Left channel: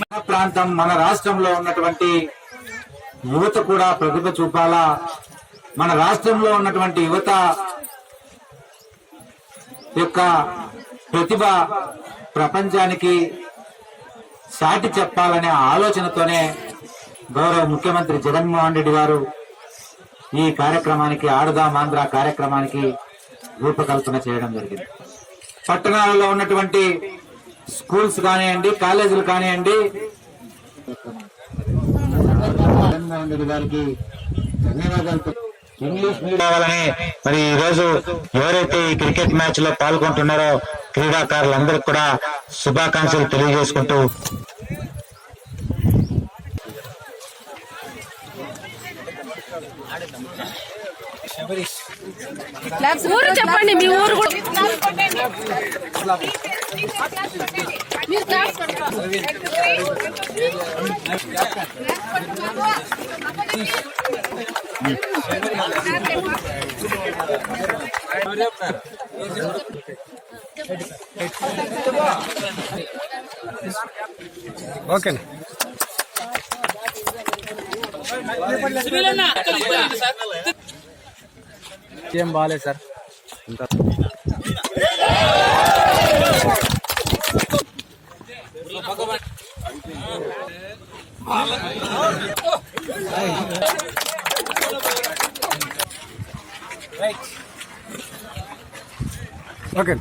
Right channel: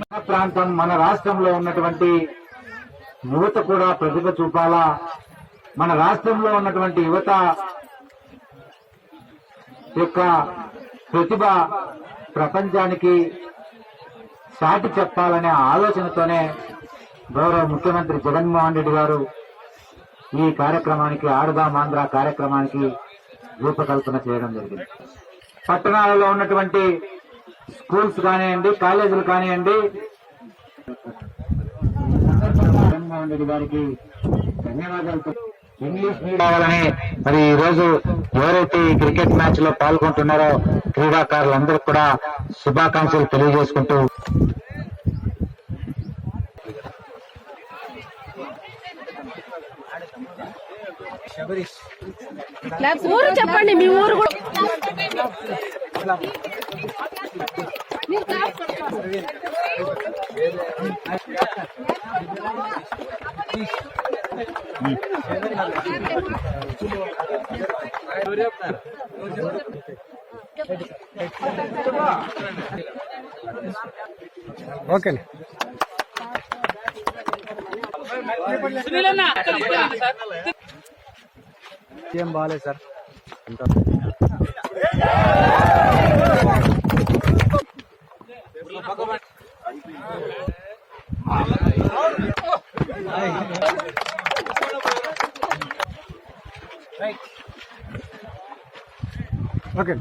మన ప్రాంతం మన రాష్ట్రంలో ఉన్నటువంటి యువత కూడా ప్రతిభ చూపాలా? మన రాష్ట్రంలో ఉన్నటువంటి యువత యొక్క ప్రతిభ ప్రపంచానికి సాటి చెప్పాలనే ఆలోచనతోనే గౌరవ ముఖ్యమంత్రి జగన్మోహన్ రెడ్డి గారు ఈ కార్యక్రమానికి ఆడదాం కార్యక్రమానికి రూపకల్పన చేయడం జరిగింది. పట్టణాలలో ఉన్నటువంటి స్కూల్స్ కానివ్వండి కాలేజీలు కానివ్వండి. జగన్మోహన్ ధన్యవాదాలు. ఇంగ్లీష్ కావాలని మరి ఈ రోజు ఎవరైతే ఈ క్రికెట్ మ్యాచ్లో పాల్గొంటున్నారో క్రీడాకారులందరికీ కూడా శుభాకాంక్షలు తెలియజేసుకుంటూ ఊరు చెప్పండి మీ ఊరు కూడా. ఓకే ఏం బాగాలేదు సార్. అంతా ఓకే.